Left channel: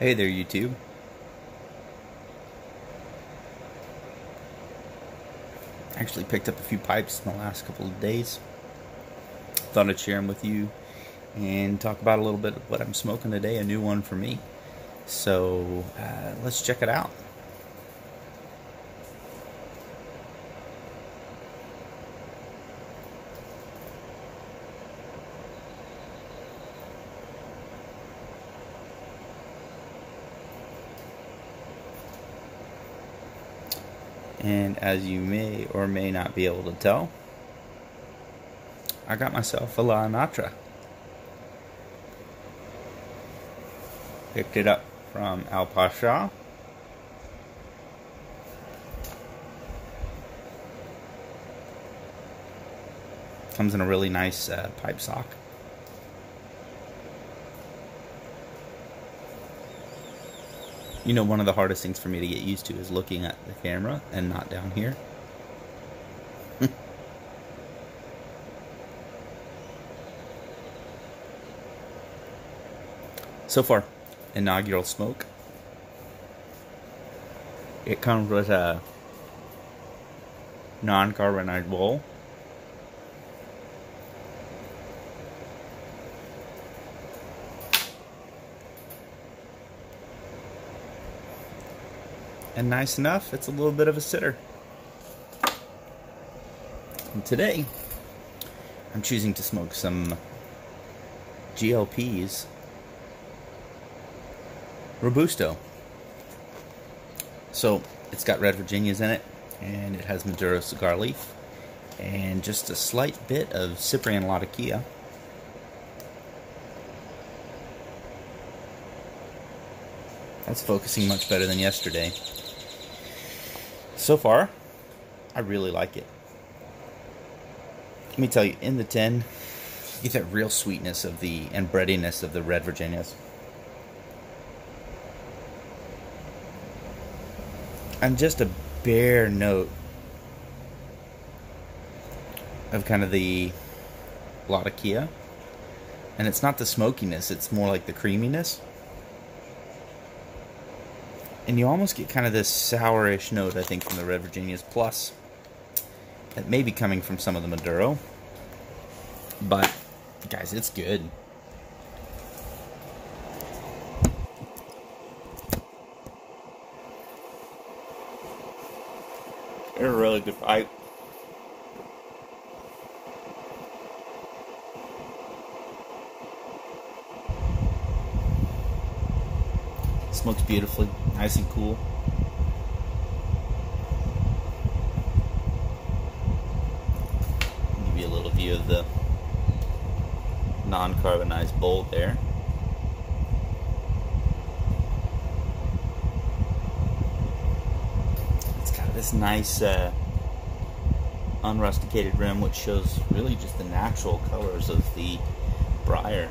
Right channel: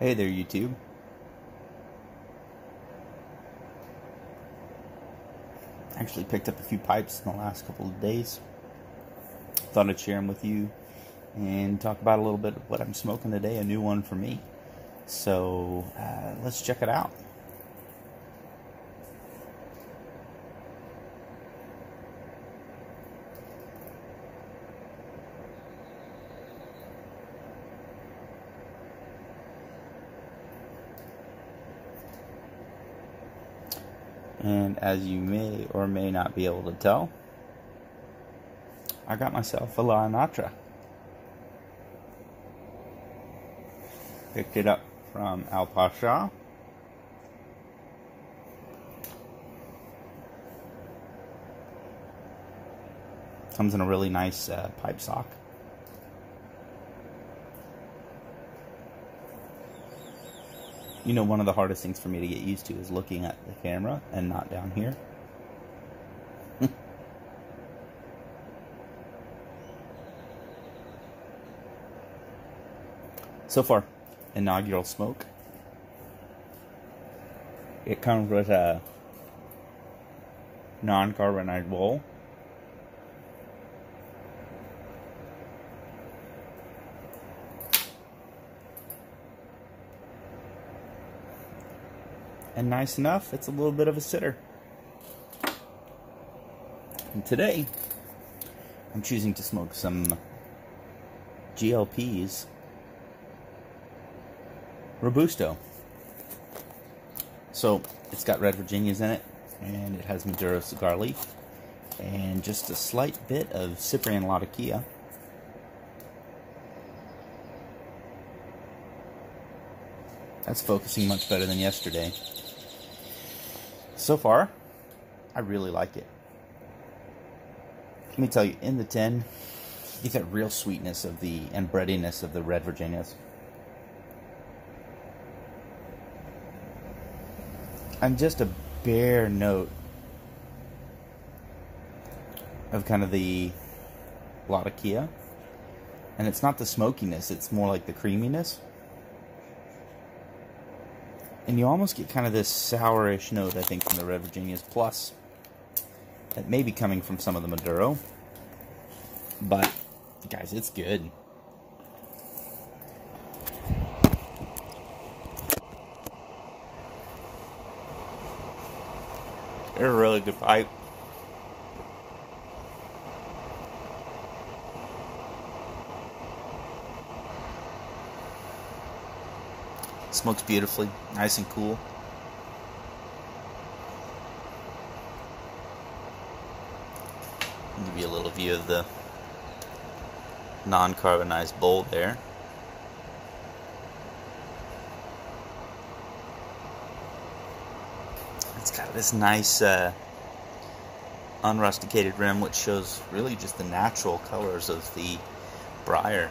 Hey there, YouTube. Actually picked up a few pipes in the last couple of days. Thought I'd share them with you and talk about a little bit of what I'm smoking today, a new one for me. So let's check it out. And as you may or may not be able to tell, I got myself a La Natra. Picked it up from Al Pasha. Comes in a really nice pipe sock. You know, one of the hardest things for me to get used to is looking at the camera and not down here. So far, inaugural smoke. It comes with a non-carbonized bowl. And nice enough, it's a little bit of a sitter. And today, I'm choosing to smoke some GLP's Robusto. So, it's got red Virginias in it, and it has Maduro cigar leaf, and just a slight bit of Cyprian Latakia. That's focusing much better than yesterday. So far, I really like it. Let me tell you, in the 10, you get that real sweetness of and breadiness of the red Virginias. And just a bare note of kind of the Latakia. And it's not the smokiness, it's more like the creaminess. And you almost get kind of this sourish note, I think, from the red Virginias. Plus, that may be coming from some of the Maduro. But, guys, it's good. They're a really good pipe. Smokes beautifully, nice and cool. I'll give you a little view of the non-carbonized bowl there. It's got this nice unrusticated rim, which shows really just the natural colors of the briar.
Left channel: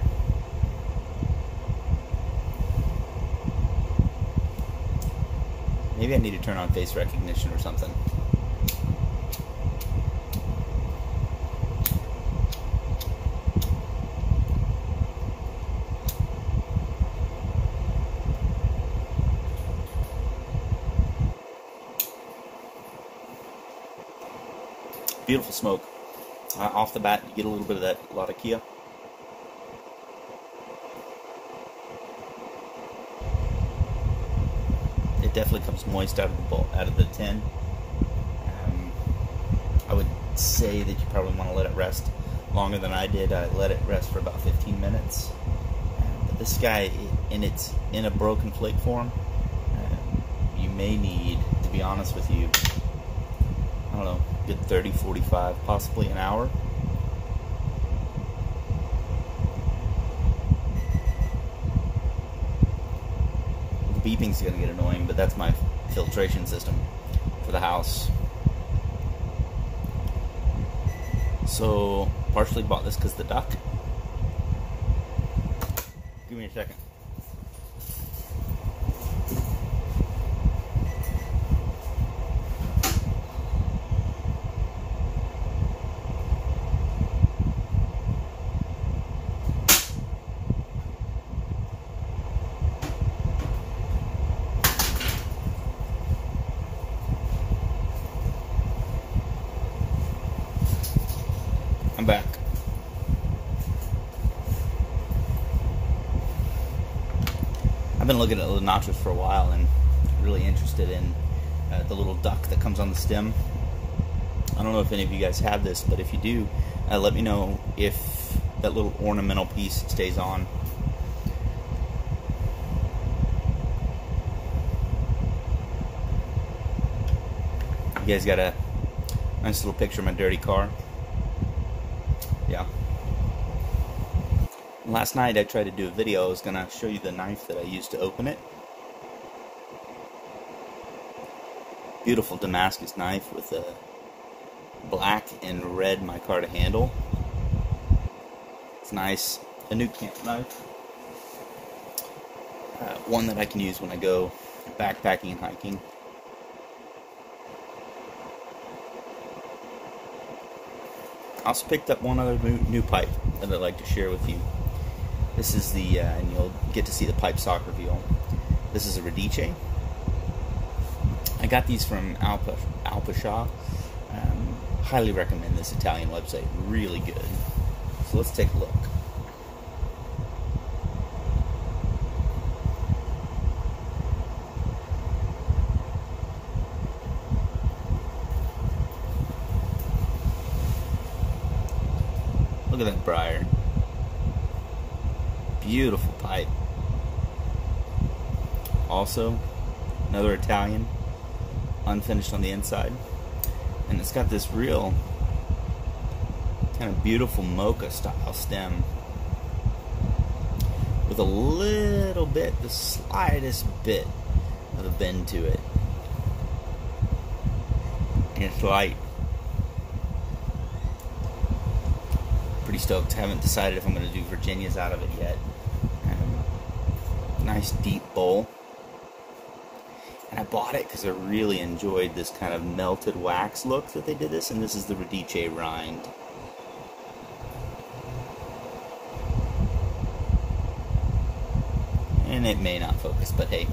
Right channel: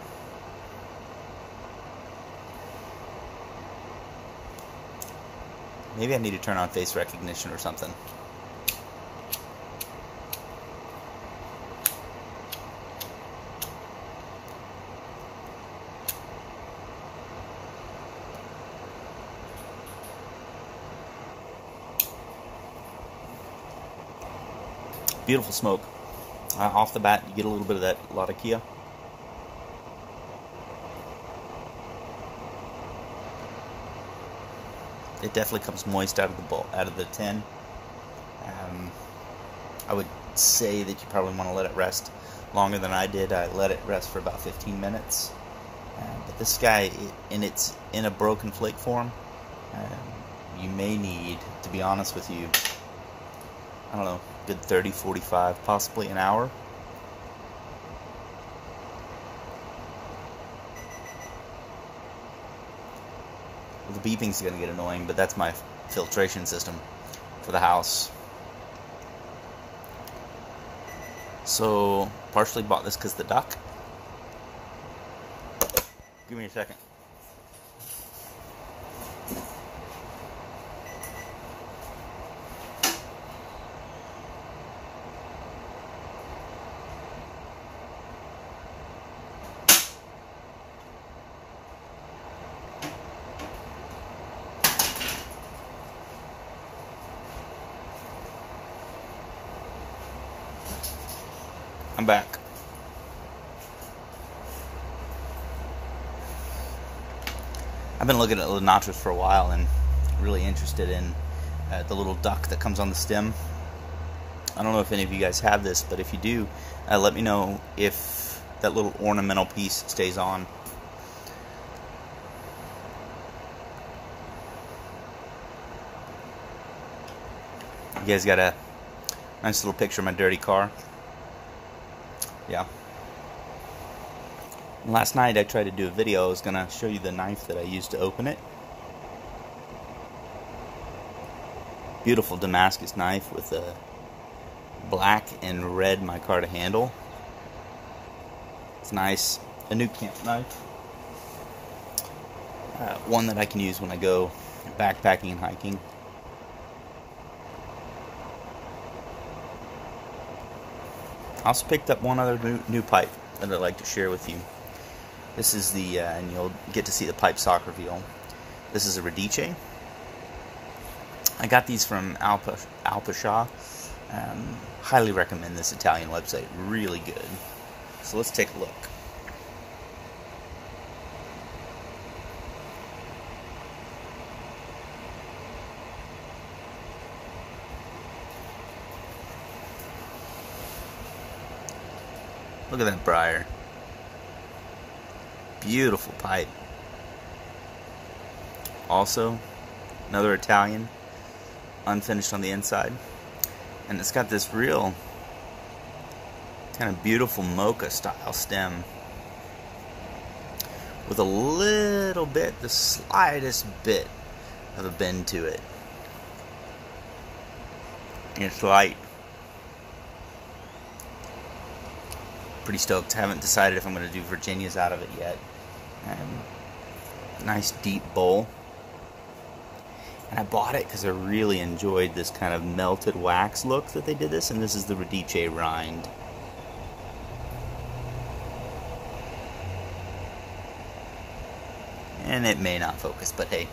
Maybe I need to turn on face recognition or something. Beautiful smoke. Off the bat, you get a little bit of that Latakia. It definitely comes moist out of the bowl, out of the tin. I would say that you probably want to let it rest longer than I did. I let it rest for about 15 minutes. But this guy, it's in a broken flake form. You may need, to be honest with you, I don't know, good 30, 45, possibly an hour. The beeping's going to get annoying, but that's my filtration system for the house. So, partially bought this because the duck. Give me a second. I'm back. I've been looking at the nachos for a while and really interested in the little duck that comes on the stem. I don't know if any of you guys have this, but if you do, let me know if that little ornamental piece stays on. You guys got a nice little picture of my dirty car. Yeah. Last night I tried to do a video. I was going to show you the knife that I used to open it. Beautiful Damascus knife with a black and red micarta handle. It's nice. A new camp knife. One that I can use when I go backpacking and hiking. I also picked up one other new pipe that I'd like to share with you. This is the, and you'll get to see the pipe sock reveal. This is a Radice. I got these from Alpasha. Highly recommend this Italian website. Really good. So let's take a look. Look at that briar. Beautiful pipe. Also, another Italian, unfinished on the inside. And it's got this real kind of beautiful mocha style stem with a little bit, the slightest bit of a bend to it. And it's light. Pretty stoked. Haven't decided if I'm going to do Virginias out of it yet. Nice deep bowl. And I bought it because I really enjoyed this kind of melted wax look that they did this. And this is the Radice rind. And it may not focus, but hey,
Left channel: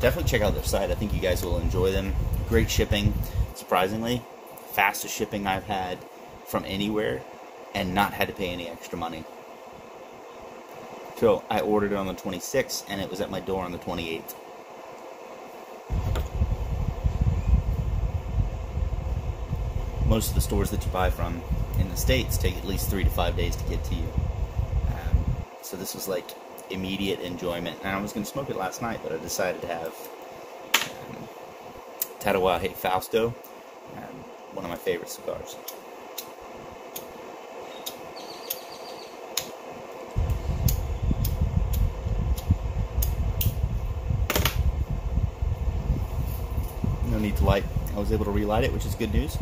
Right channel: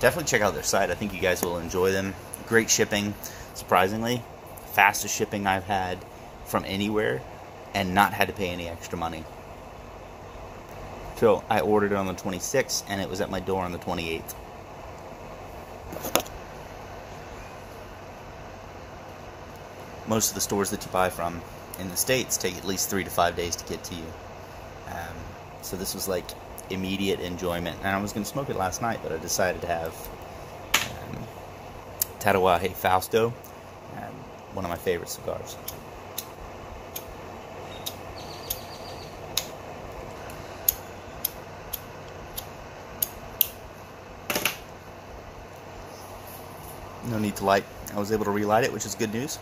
definitely check out their site. I think you guys will enjoy them. Great shipping, surprisingly. Fastest shipping I've had from anywhere and not had to pay any extra money. So I ordered it on the 26th and it was at my door on the 28th. Most of the stores that you buy from in the States take at least 3 to 5 days to get to you. So this was like immediate enjoyment. And I was going to smoke it last night, but I decided to have Tatuaje Fausto, one of my favorite cigars. No need to light. I was able to relight it, which is good news.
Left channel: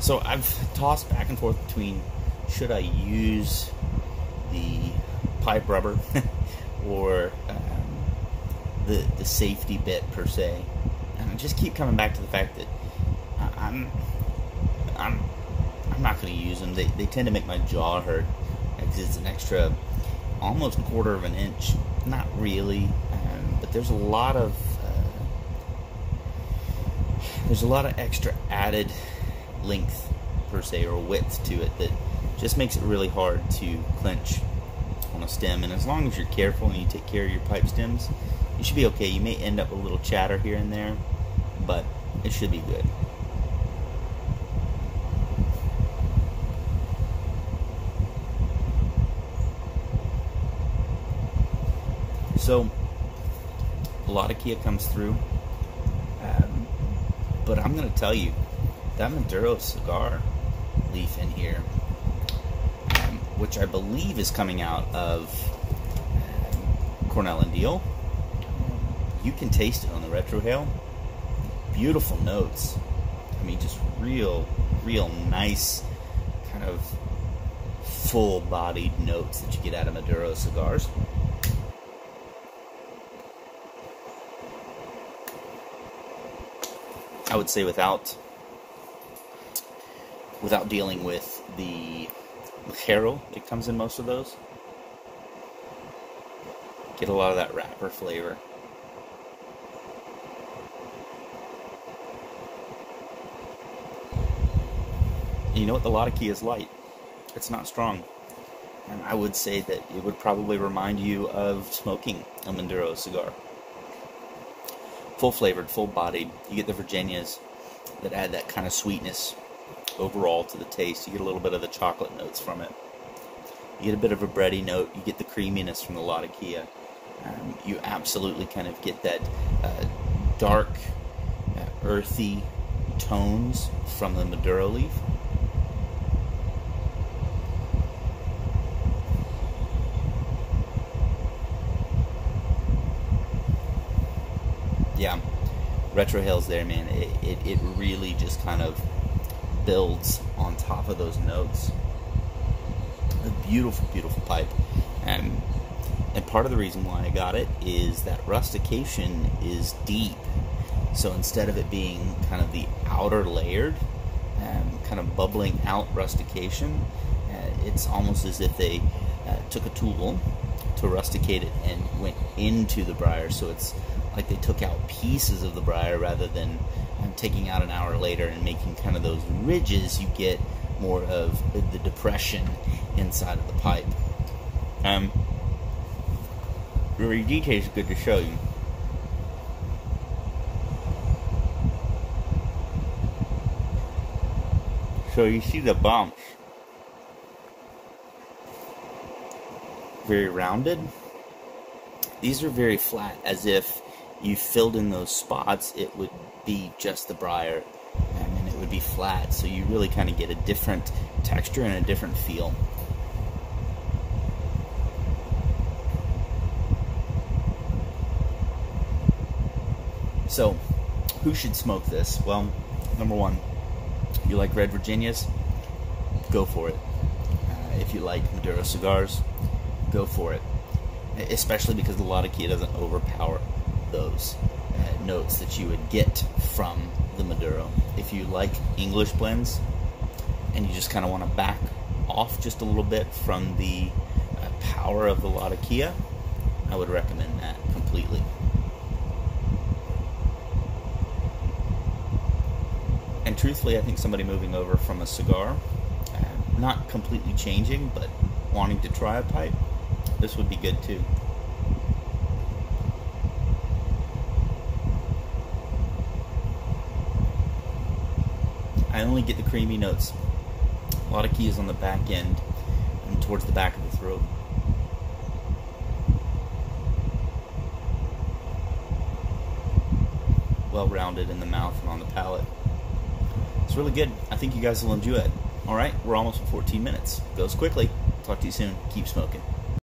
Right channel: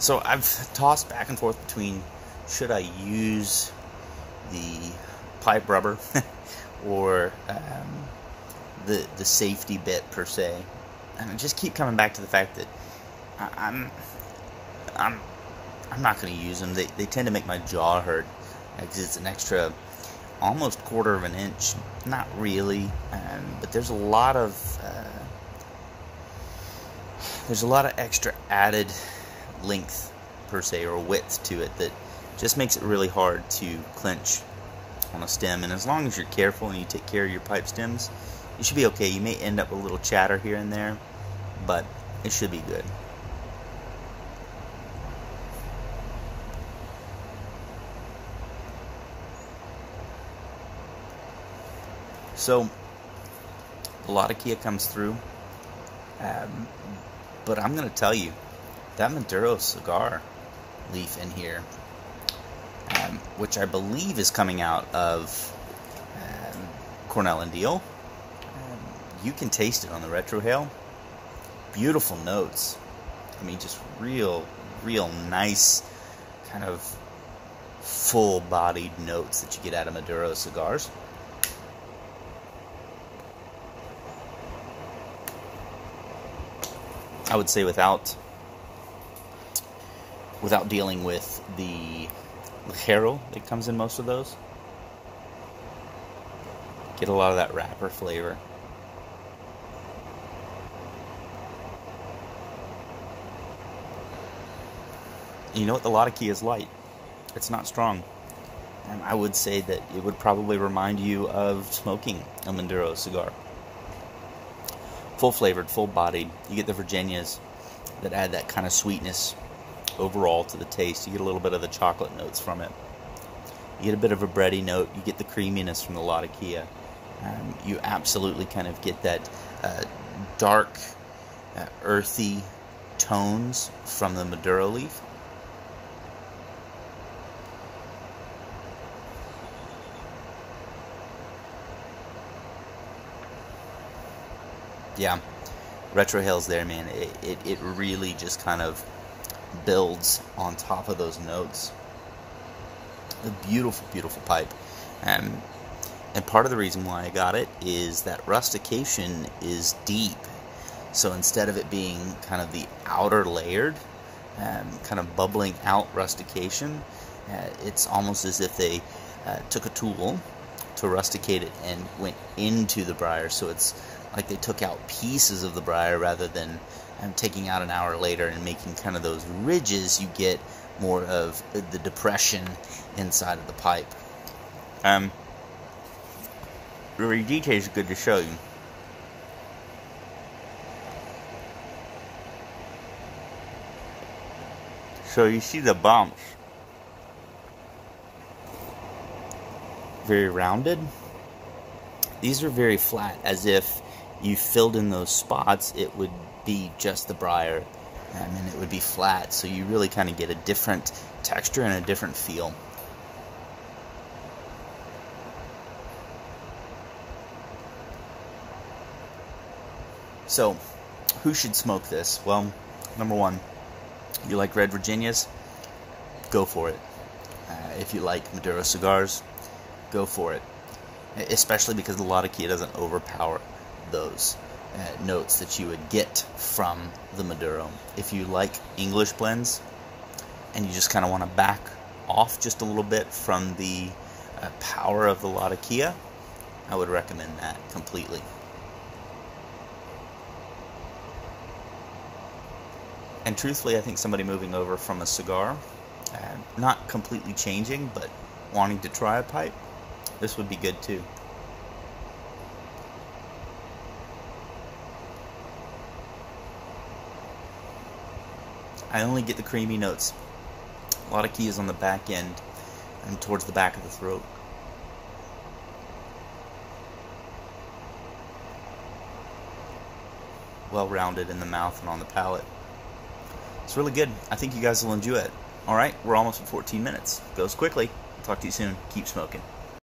So I've tossed back and forth between should I use the pipe rubber or the safety bit per se, and I just keep coming back to the fact that I'm not going to use them. They tend to make my jaw hurt because it's an extra almost 1/4 of an inch. Not really, but there's a lot of extra added length per se, or width to it, that just makes it really hard to clench on a stem. And as long as you're careful and you take care of your pipe stems, you should be okay. You may end up with a little chatter here and there, but it should be good. So a lot of Kia comes through, but I'm going to tell you, that Maduro cigar leaf in here, which I believe is coming out of Cornell and Deal, you can taste it on the retrohale. Beautiful notes. I mean, just real nice kind of full-bodied notes that you get out of Maduro cigars. I would say without dealing with the ligero that comes in most of those, get a lot of that wrapper flavor. And you know what? The Latakia is light. It's not strong. And I would say that it would probably remind you of smoking a Maduro cigar. Full flavored, full bodied. You get the Virginias that add that kind of sweetness overall to the taste. You get a little bit of the chocolate notes from it. You get a bit of a bready note. You get the creaminess from the Latakia. You absolutely kind of get that dark, earthy tones from the Maduro leaf. Yeah, retrohale's there, man. It really just kind of builds on top of those notes. A beautiful, beautiful pipe. And part of the reason why I got it is that rustication is deep. So instead of it being kind of the outer layered, kind of bubbling out rustication, it's almost as if they took a tool to rusticate it and went into the briar. So it's like they took out pieces of the briar rather than taking out an hour later and making kind of those ridges. You get more of the depression inside of the pipe. Radice is good to show you. So you see the bumps, very rounded. These are very flat, as if you filled in those spots, it would be just the briar, and it would be flat. So you really kind of get a different texture and a different feel. So, who should smoke this? Well, number one, you like red Virginias? Go for it. If you like Maduro cigars, go for it. Especially because the Latakia doesn't overpower those notes that you would get from the Maduro. If you like English blends and you just kind of want to back off just a little bit from the power of the Latakia, I would recommend that completely. And truthfully, I think somebody moving over from a cigar, not completely changing, but wanting to try a pipe, this would be good too. I only get the creamy notes. A lot of keys on the back end and towards the back of the throat. Well rounded in the mouth and on the palate. It's really good. I think you guys will enjoy it. Alright, we're almost at 14 minutes. Goes quickly. Talk to you soon. Keep smoking.